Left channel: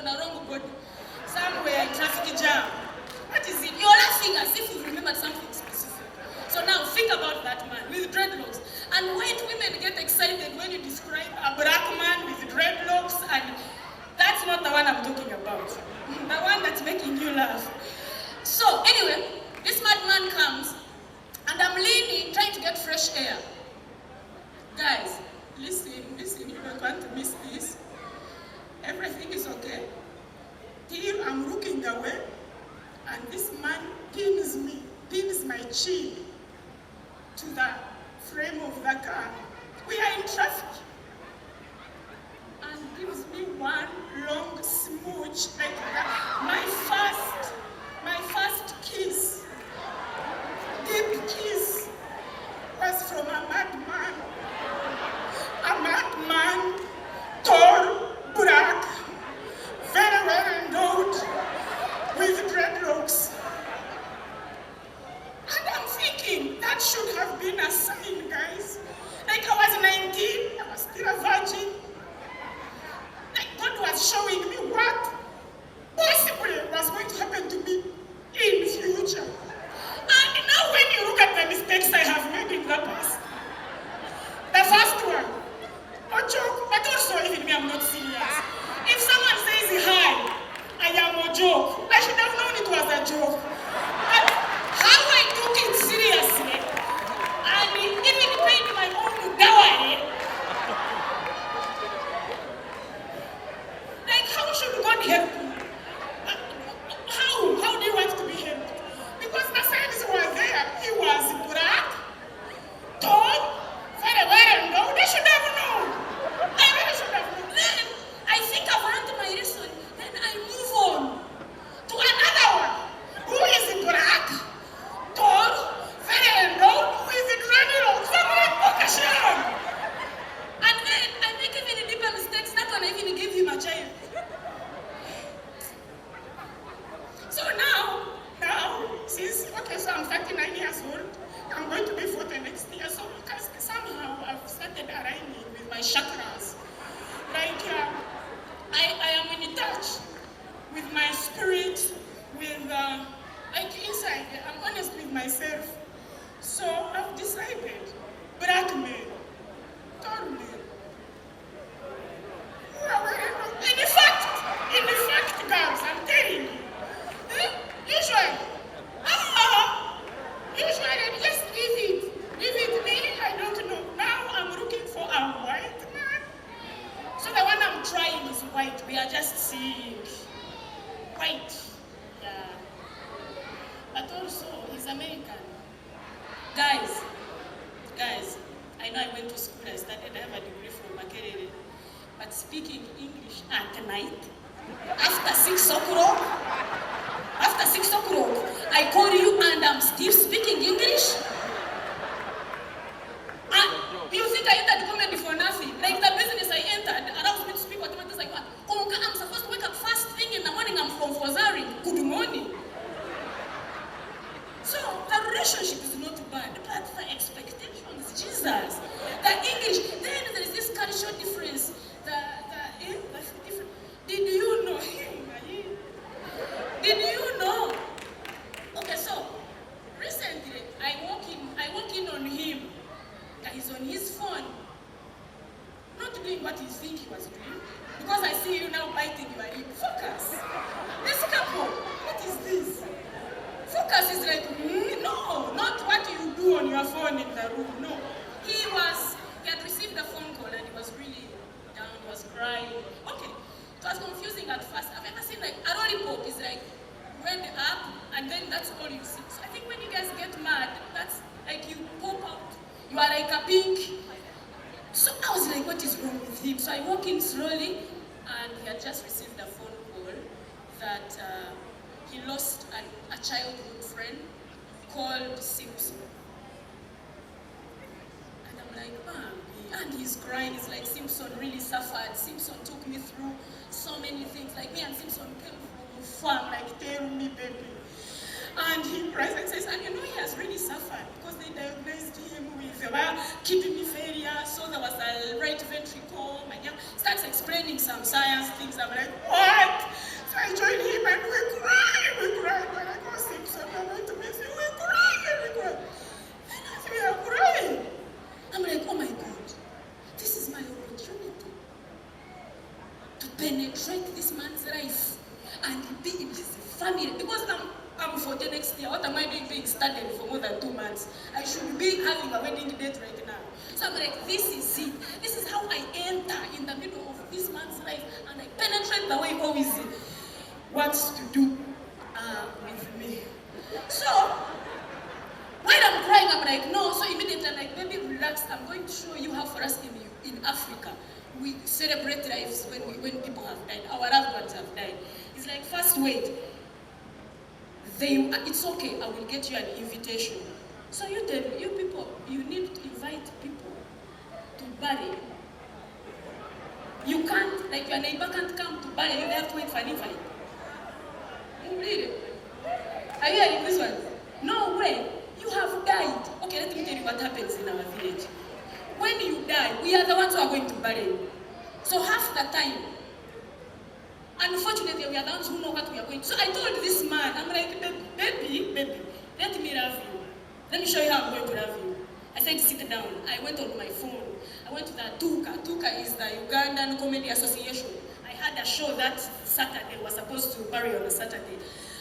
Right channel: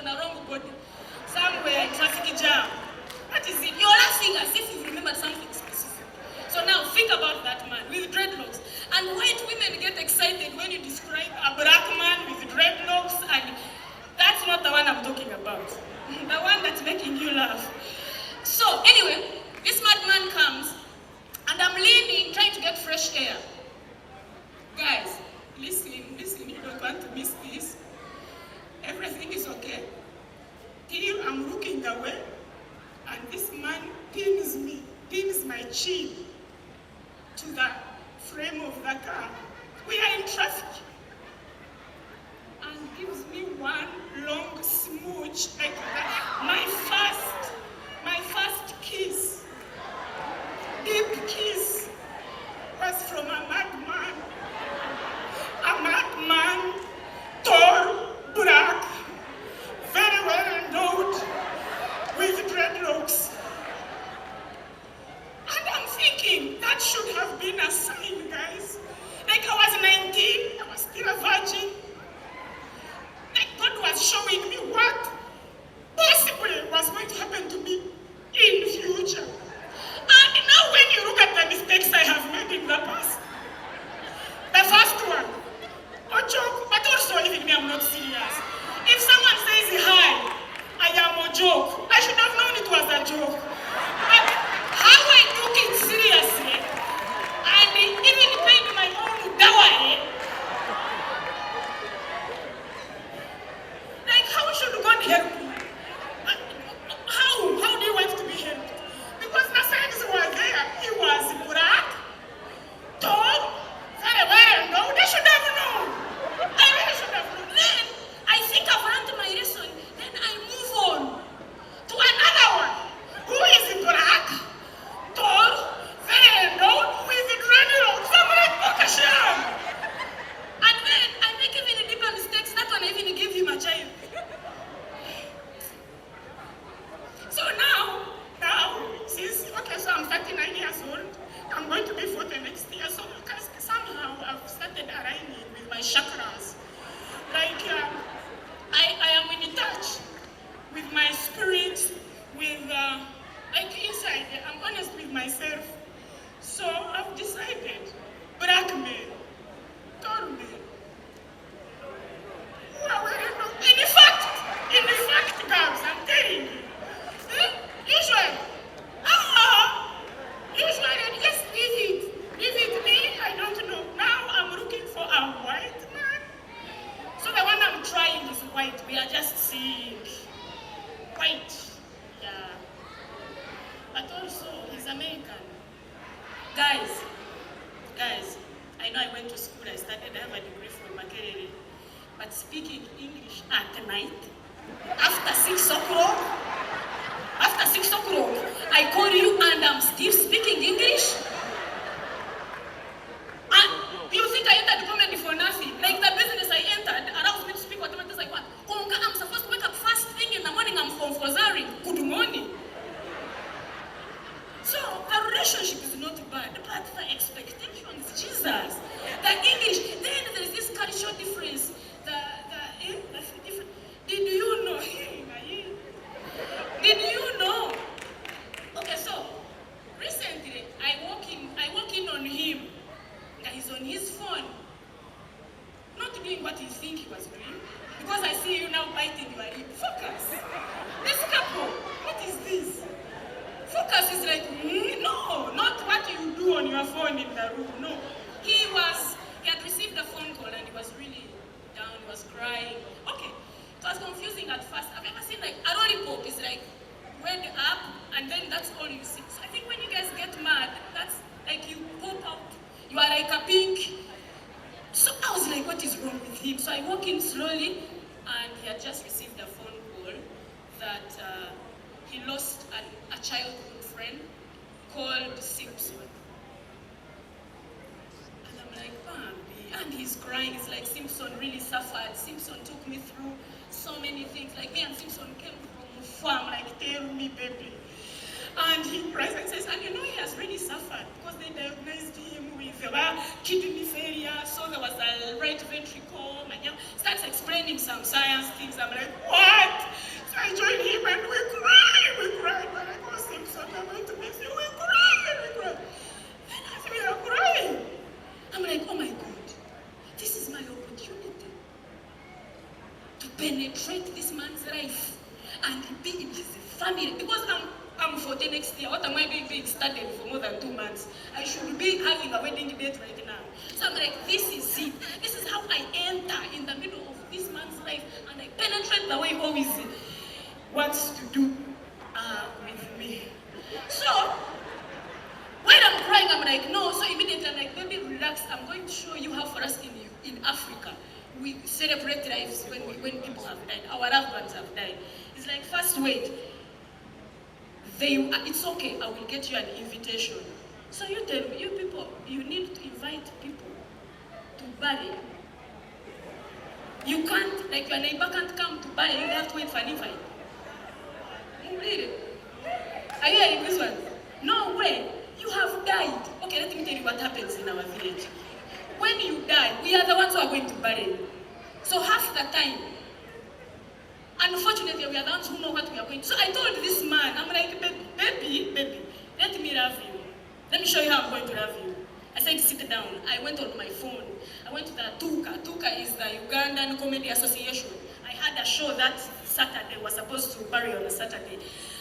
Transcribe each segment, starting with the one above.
on a wrong body, somewhere, traffic jam. That is it. You're laughing as if you remembered something specific. So now think about that man with dreadlocks. And white women get excited when you describe a black man with dreadlocks, and that's not the one I'm talking about. The one that's making you laugh. So anyway, this madman comes, and I'm leaning, trying to get fresh air. Guys, listen, you don't want to miss this. Everything is okay. Till I'm looking away, and this man pins my chin to the frame of the car. We are in traffic. And gives me one long smooch like that. My first kiss, deep kiss, was from a madman. A madman, tall, black, very well endowed, with dreadlocks. And I'm thinking, that should have been a sign, guys. Like I was 19, I was still a virgin. Like God was showing me what possibly was going to happen to me in the future. And now when you look at the mistakes I have made in the past, the first one, a joke, but also even me, I'm not serious. If someone says hi, I am a joke, I should have known it was a joke. But how I took it seriously, and even paid my own dowry. Like, how should God help me? How do you want to be helped? Because the signs were there. He was black, tall, very well endowed. They should have known. I really should have known. Then I think I've run to my reason. Then I move on to another one who is black, tall, very endowed, with dreadlocks. I'm like, Pokasham. And then I make even deeper mistakes. That one I even give him a child. So now, since, okay, so I'm 39 years old, I'm going to be 40 next year, so somehow I've started aligning with my chakras. Like, I am in touch with my spirit, with, like inside, I'm honest with myself. So I've decided, black men, tall men, who are wearing, in fact, girls, I'm telling you, usually, just leave it me, I don't know. Now I'm looking for a white man. So the one I'm trying is white, we are just seeing white, yeah. But also, he's American. Guys, I know I went to school, I have a degree from Makerere, but speaking English at night, after 6 o'clock, I call you and I'm still speaking English? And you think I entered comedy for nothing? Like the business I entered, allows me to speak whatever it is I want. I'm supposed to wake up first thing in the morning, I'm from Fozari. Good morning. So the relationship is not bad, but the expectations, Jesus. The English, then there is this cultural difference. The different. Did you know him? Did you know? Okay, so recently I walk in on him. He's on his phone, not doing what you think he was doing. Because I see you now biting your lip. Focus. This couple, what is this? Focus is like, no, not what you do on your phone in the room. No. He had received a phone call and he was really down, he was crying. Okay, it was confusing at first. I've ever seen like a lollipop is like went up and then that's all you see. So I think when you guys get mad, that's like you pop out. You are like a pink. So I was like, what is wrong with him? So I walk in slowly and he had just received a phone call that he lost a childhood friend called Simpson. And I'm like, Bambi. And he's crying. He's like, Simpson really suffered. Simpson took me through so many things. Like me and Simpson came from farm, like, tell me, baby. And he cries and says, and you know he has really suffered because they diagnosed him with kidney failure, so there was a right ventricle. My young starts explaining some science things. I'm like, what? I joined him and we cried. We're like, oh, Simpson, I'm going to miss you. We cried. And as we are crying, I'm like, oh my God, this is my opportunity to penetrate this man's life and be in his family. Because I'm 40 next year. What am I doing being studied for more than 2 months? I should be having a wedding date right now. So I'm like, this is it. This is how I enter in the middle of this man's life and I penetrate the way he always wants to do with me. So, while I'm crying, I'm like, no. So immediately I'm like, baby, relax. I'm going to show you how for us in Africa, we celebrate lives when people have died. Our loved ones have died. It's like, first wait. It's okay, I will get you an invitation. So you people, you need to invite people to bury. You can't, like your neighbor can't come to bury, you have to wait for an invite. Really? Are you hearing this one? No way. You have died. Okay, let me tell you what happens in our village. When you die, we are the ones who are going to bury you. So half the time, unfortunately, we are the ones who know what we are going to. So I told this man, I'm like, baby, let me love you. Let me show you how I'm going to love you. I said, sit down. I went on my phone. I went to the Tuka. Tuka is the Ugandan Comedy Association. I had a show that Saturday. Was supposed to bury on a Saturday.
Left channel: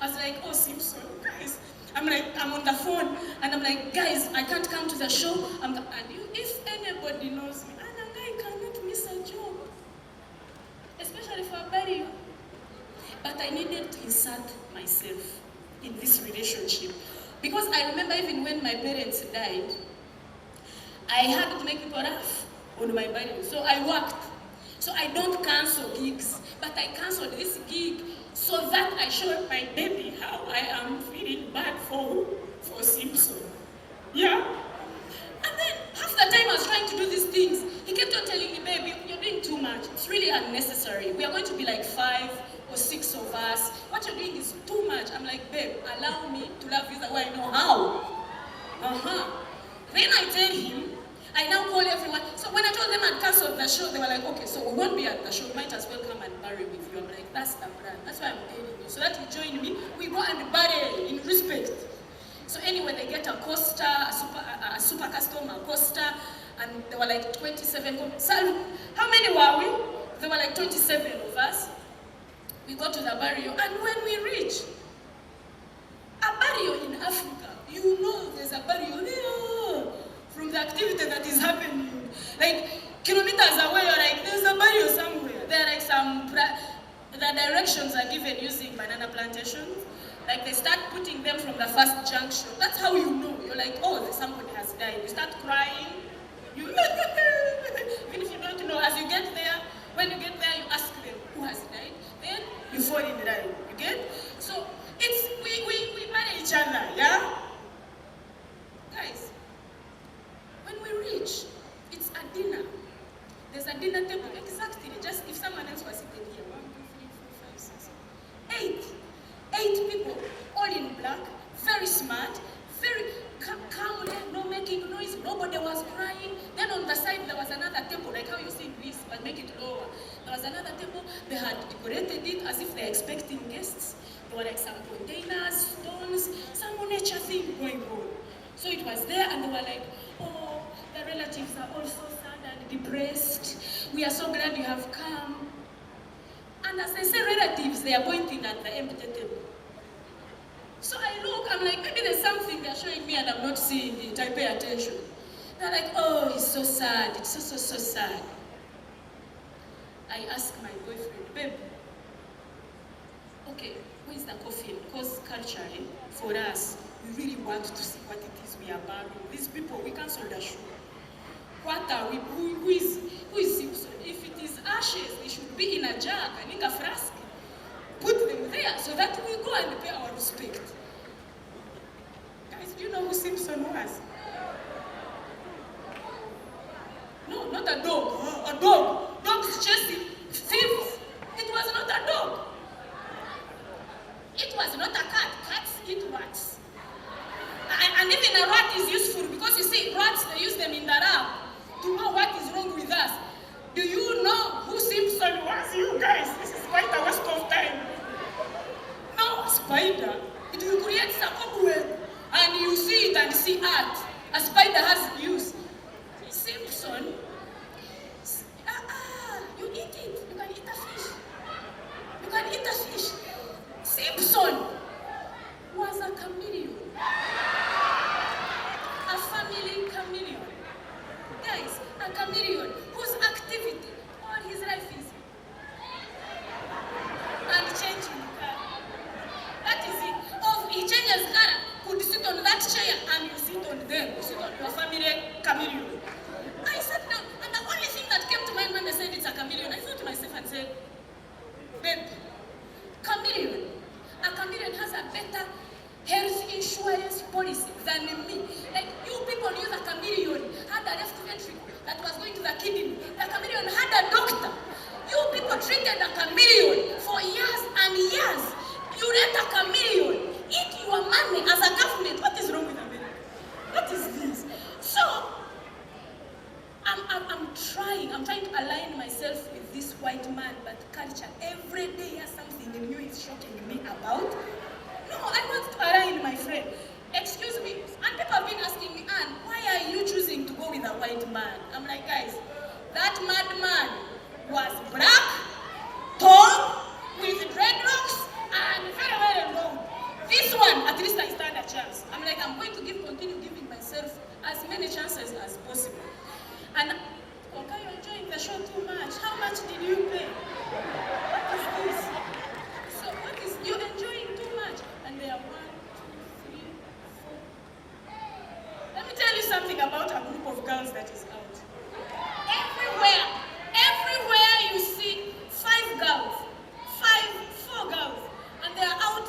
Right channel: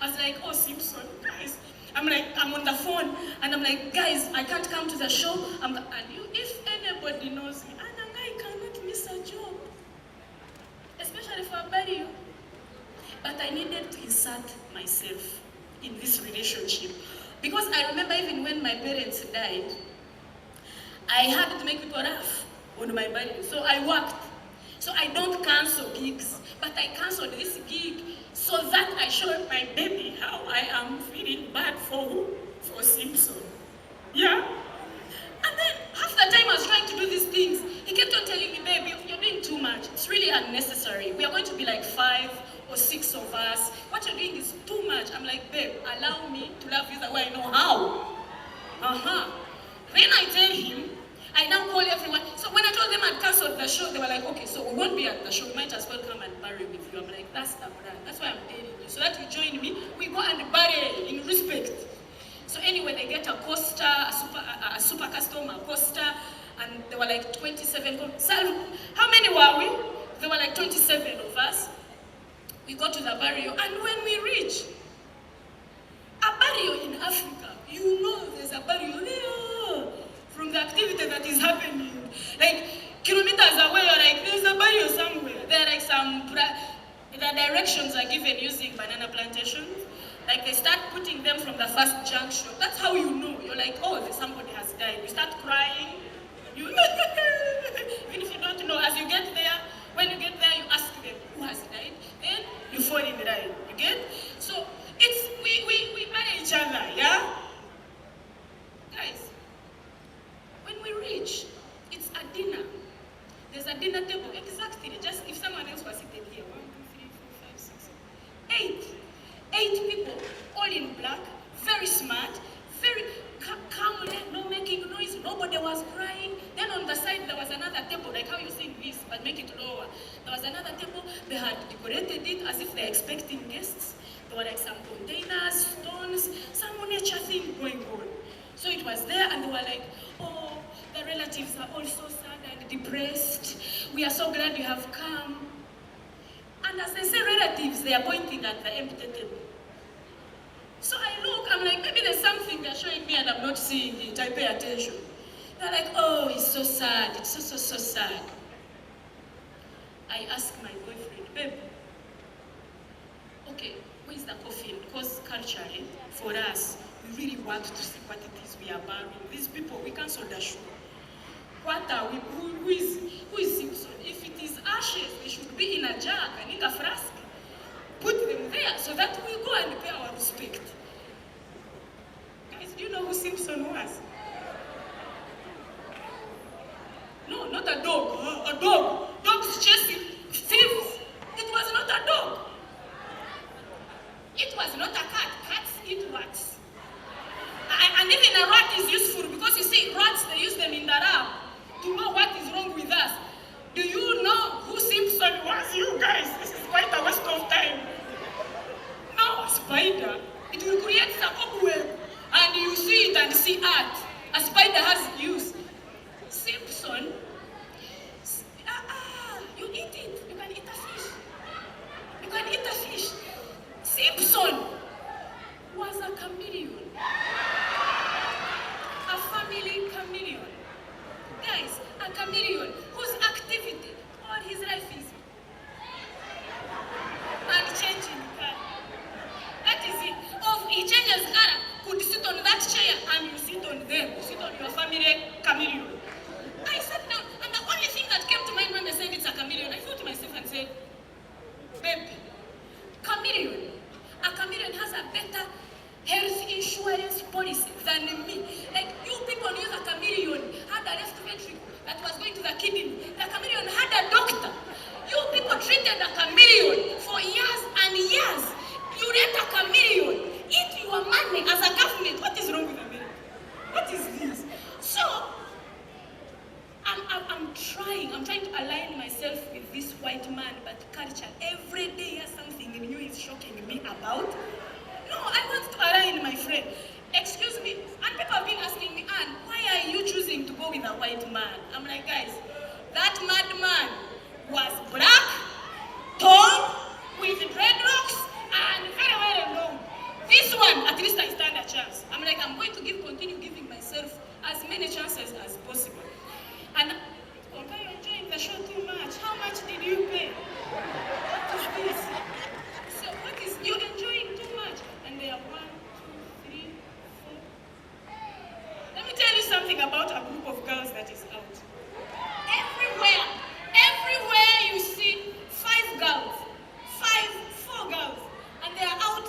I was like, oh, Simpson, guys. I'm on the phone, and I'm like, guys, I can't come to the show. If anybody knows me, I cannot miss a job. Especially for a burial. But I needed to insert myself in this relationship. Because I remember even when my parents died, I had to make people laugh on my burial. So I worked. So I don't cancel gigs, but I canceled this gig so that I showed my baby how I am feeling bad for Simpson. Yeah? And then half the time I was trying to do these things, he kept on telling me, babe, you're doing too much. It's really unnecessary. We are going to be like 5 or 6 of us. What you're doing is too much. I'm like, babe, allow me to love you the way I know how. Then I tell him, I now call everyone. So when I told them I'd cancelled the show, they were like, okay, so we won't be at the show. We might as well come and bury with you. I'm like, that's the plan. That's why I'm telling you. So that you join me, we go and bury in respect. So anyway, they get a coaster, a super custom, a coaster, and there were like 27. So how many were we? There were like 27 of us. We go to the burial, and when we reach a burial in Africa, you know there's a burial there from the activity that is happening. Like kilometers away, you're like, there's a burial somewhere. There are like the directions are given using banana plantation. Like they start putting them from the first junction. That's how you know. You're like, oh, somebody has died. You start crying. Even if you don't know, as you get there, when you get there, you ask them who has died. Then you fall in line. You get? So it's we marry each other, yeah? Guys, when we reach, it's a dinner. There's a dinner table, exactly. Just if someone else was sitting here, 1, 2, 3, 4, 5, 6, 8 people, all in black, very smart, very calm, no making noise, nobody was crying. Then on the side there was another table, like how you see this, but make it lower. There was another table, they had decorated it as if they're expecting guests. There were like some containers, stones, some nature thing going on. So it was there, and they were like, oh, the relatives are all so sad and depressed. We are so glad you have come. And as they say relatives, they are pointing at the empty table. So I look, I'm like, maybe there's something they're showing me and I'm not seeing it. I pay attention. They're like, oh, it's so sad. It's so sad. I ask my boyfriend, babe, okay, where is the coffin? Because culturally, for us, we really want to see what it is we are burying. These people, we cancel the show. What are we? Who is Simpson? If it is ashes, they should be in a jar, in a flask. Put them there so that we go and pay our respect. Guys, do you know who Simpson was? No, not a dog. A dog. Dogs chasing thieves. It was not a dog. It was not a cat. Cats eat rats. And even a rat is useful because you see, rats, they use them in the lab to know what is wrong with us. and see art. A spider has use. Simpson, you eat it. You can eat a fish. You can eat a fish. Simpson was a chameleon. A family chameleon. Guys, a chameleon whose activity all his life is unchanging. That is it. Of he changes color, could sit on that chair and you sit on them. You sit on your family chameleon. I sat down, and the only thing that came to mind when they said it's a chameleon, I thought to myself and said, babe, chameleon. A chameleon has a better health insurance policy than me. Like, you people knew the chameleon had a left ventricle that was going to the kidney. The chameleon had a doctor. You people treated a chameleon for years and years. You let a chameleon eat your money as a government. What is wrong with America? What is this? So, I'm trying to align myself with this white man, but culture. Every day something new is shocking me about. No, I want to align, my friend. Excuse me. And people have been asking me, Anne, why are you choosing to go with a white man? I'm like, guys, that madman was black, tall, with dreadlocks, and very well known. This one, at least I stand a chance. I'm like, I'm going to continue giving myself as many chances as possible. And okay, you're enjoying the show too much. How much did you pay? What is this? So what is you're enjoying too much? And there are 1, 2, 3, 4. Let me tell you something about a group of girls that is out. Everywhere you see 5 girls, 4 girls, and they are out.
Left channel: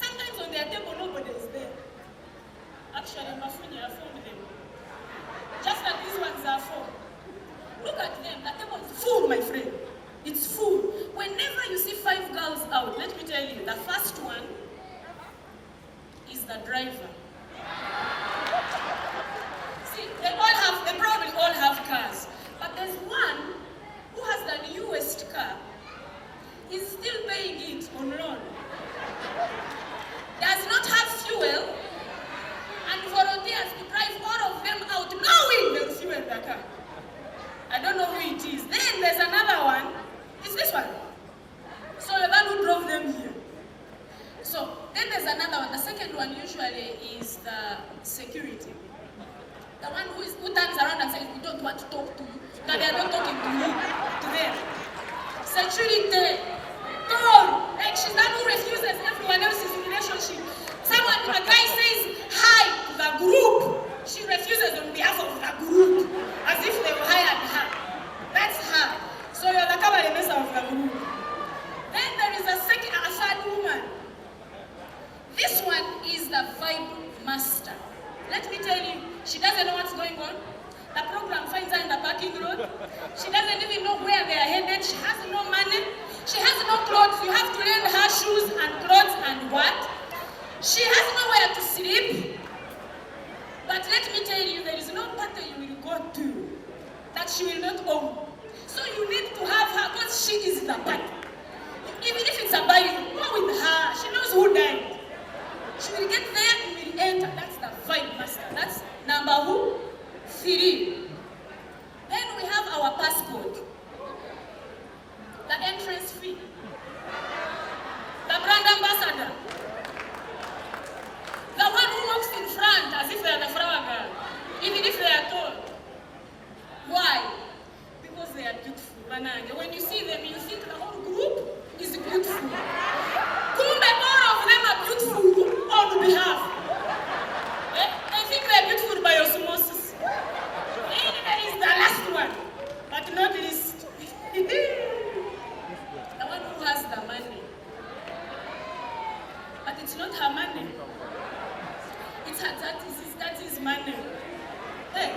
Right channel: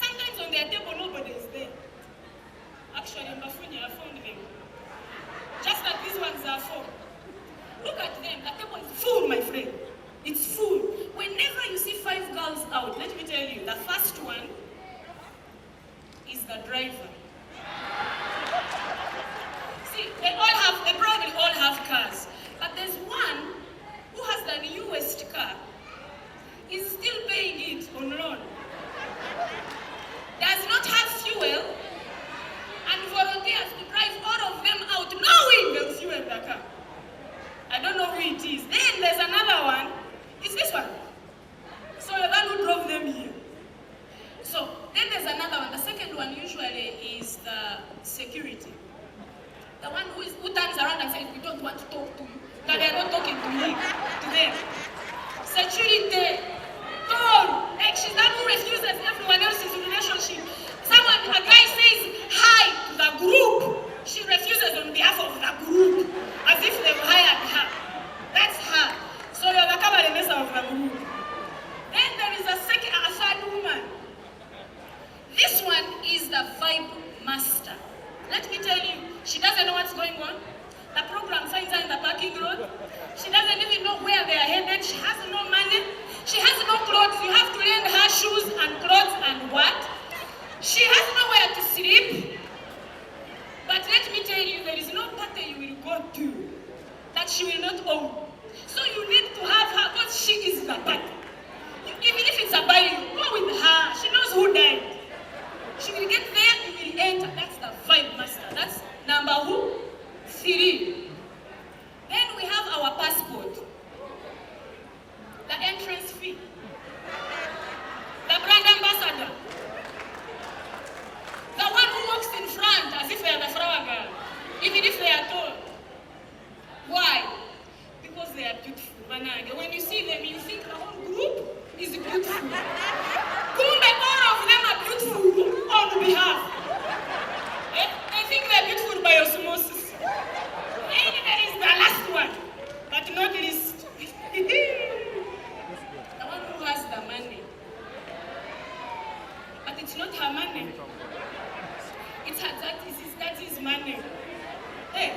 Sometimes on their table nobody is there. Actually, Mafunya, I found them. Just that these ones are 4. Look at them. The table is full, my friend. It's full. Whenever you see 5 girls out, let me tell you, the first one is the driver. See, they probably all have cars. But there's one who has the newest car. He's still paying it on loan. Does not have fuel, and volunteers to drive all of them out, knowing they'll fuel the car. I don't know who it is. Then there's another one. It's this one. So the one who drove them here. So then there's another one. The second one usually is the security. The one who turns around and says, we don't want to talk to you. That they're not talking to me, to them. Security. Tall. Like she's the one who refuses everyone else's relationship. A guy says hi to the group. She refuses on behalf of the group. As if they've hired her. That's her. So you're the cabaret of the group. Then there is a third woman. This one is the vibe master. Let me tell you, she doesn't know what's going on. The program finds her in the parking lot. She doesn't even know where they are headed. She has no money. She has no clothes. You have to lend her shoes and clothes and what? She has nowhere to sleep. But let me tell you, there is no party you will go to that she will not own. So you need to have her because she is the party. Even if it's a body, go with her. She knows who died. She will get there, you will enter. That's the vibe master. That's number 3. Then we have our passport. The entrance fee. The brand ambassador. The one who walks in front as if they are the flower girl. Even if they are tall. Why? Because they are beautiful. When you see them, you think the whole group is beautiful. Kumbe, all of them are beautiful on behalf. I think they are beautiful by osmosis. And there is the last one, but not least. The one who has the money. But it's not her money. It's her that is money. Hey,